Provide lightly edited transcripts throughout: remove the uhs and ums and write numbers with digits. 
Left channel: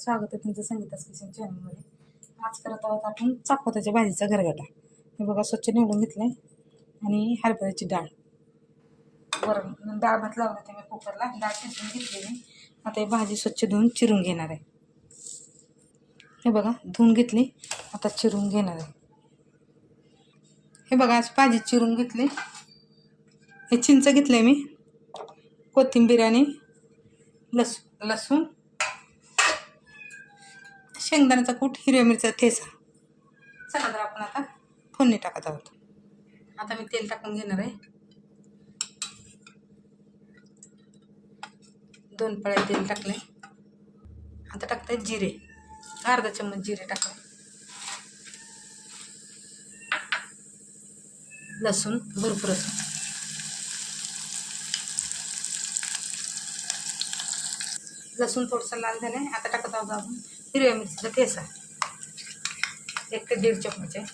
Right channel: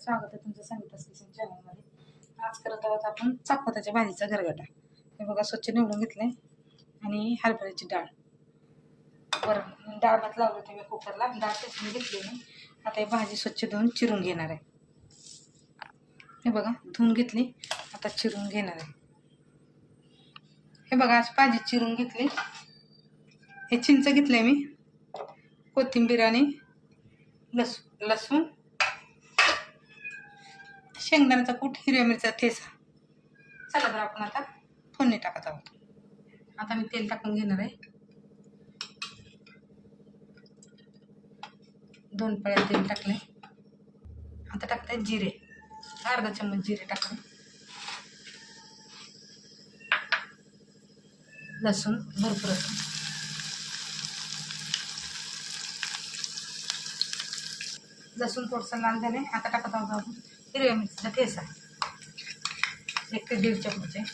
स्वागत आहे तुमचं संगीतास किचन चॅनलमध्ये। आज करत आहोत आपण चपात्याच्या भाजीचा गरगटा। हे बघा स्वच्छ निवडून घेतले आणि हरभऱ्याची डाळ, वरण डाळ भात लावलं ते मी कुकरला, डाळ शिजवून घेतली मी। आता ही भाजी स्वच्छ धुवून चिरून घेणार आहे। हे बघा धुवून घेतली, आता चिरून घेणार आहे। हे बघा अशी भाजी चिरून घेतली। हे चिंच घेतले मी, कोथिंबीर आणि लसूण, शेंगदाण्याचा कूट, हिरव्या मिरचा ठेचा। चला तर आपण आता फोडणी टाकत आहोत। आता मी तेल टाकून घेणार आहे। 2 पळ्या तेल टाकले। आता टाकते जिरे, अर्धा चम्मच जिरे टाकले। लसूण भरपूर, लसूण थोडंसं लाल झाले। आता टाकत आहोत आपण हिरव्या मिरचीचा ठेचा, 1 ते 1.5 चम्मच आहे।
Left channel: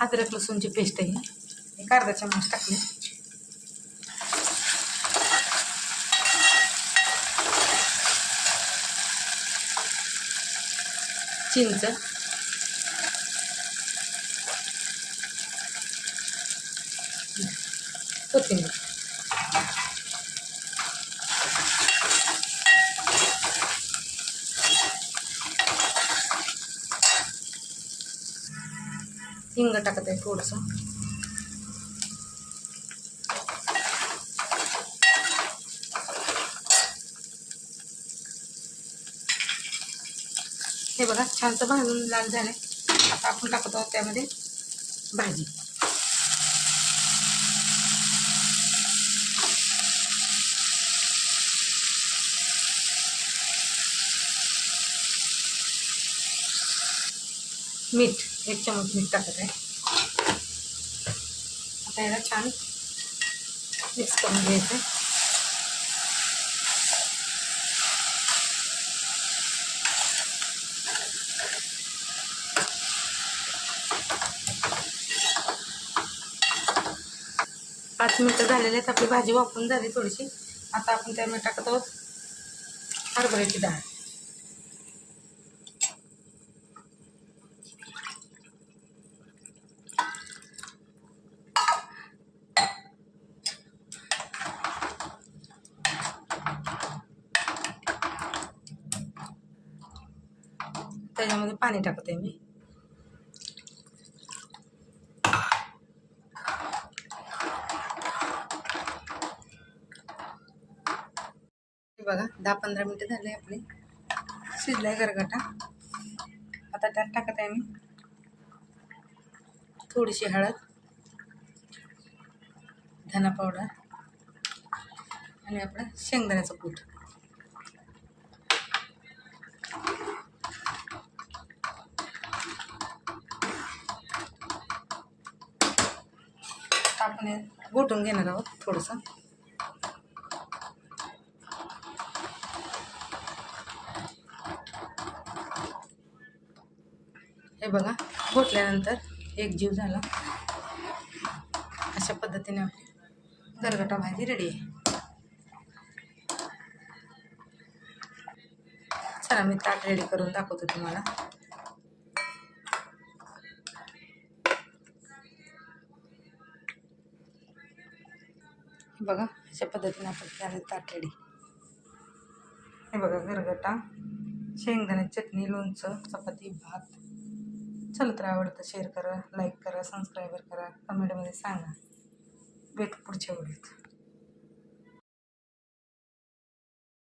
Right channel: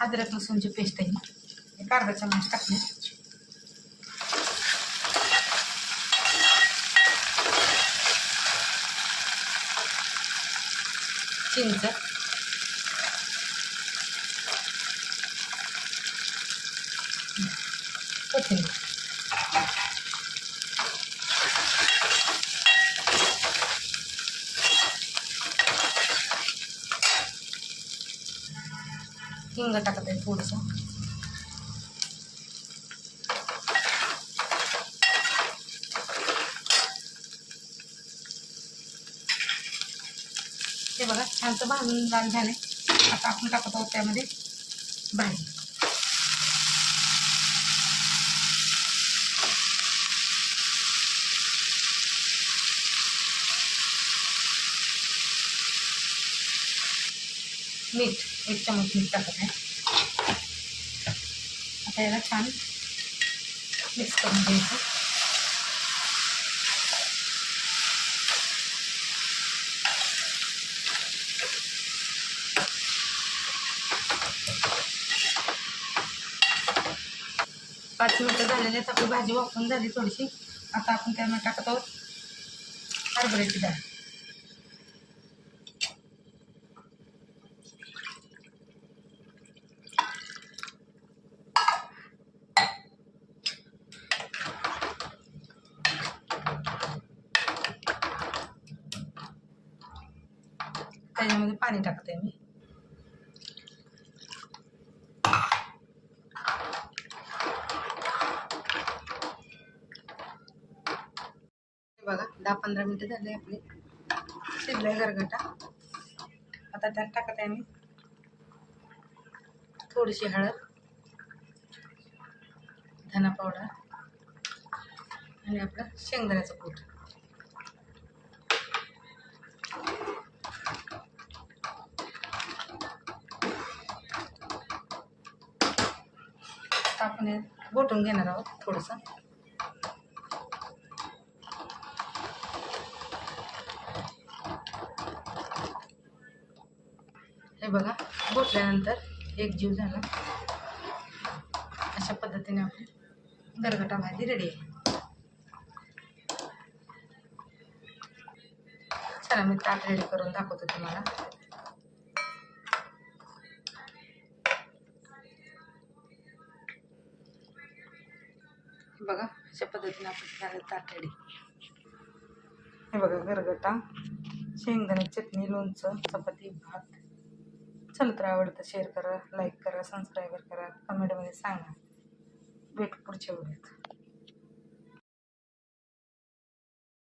अद्रक लसूणची पेस्ट आहे, 1 अर्धा चम्मच टाकले। चिंच, कोथिंबीर, हिंग टाकत आहे थोडंसं। हे बघा छान भाजून लाल झाले। आता आपण टाकत आहोत त्यामध्ये भाजी। मीठ, 1 चम्मच मीठ टाकत आहे। आता याला छान मिक्स करून घ्यायचं। पाच मिनिटं झालेले आहेत, आपली भाजी वाफून झाली थोडीशी। आता आपण त्यामध्ये टाकत आहोत हरभऱ्याची डाळ। त्याच्यामध्ये पाणी टाकते मी। बघा 10-15 मिनिटं झाले, आपले शिजलाय गरगटा। आता त्यात टाकत आहे मी थोडीशी हळद, धना पावडर आणि आपला शेंगदाण्याचा कूट। आपण घोटून घेणार आहोत थोडंसं। हे बघा घोटल्यानंतर एकजीव झाला। अशा पद्धतीने आपली गरगटा भाजी रेडी आहे। चला मी ताट रेडी करून दाखवते तुम्हाला। हे बघा अशा पद्धतीने आपण ताट रेडी। हे बघा गरगटा, शेंगदाण्याची चटणी, लोणचं, चपाती, भात। चला तर आवडतं शेअर करा, लाईक करा, सबस्क्राईब करा, कमेंटमध्ये सांगा। भेटू पुढच्या व्हिडिओत।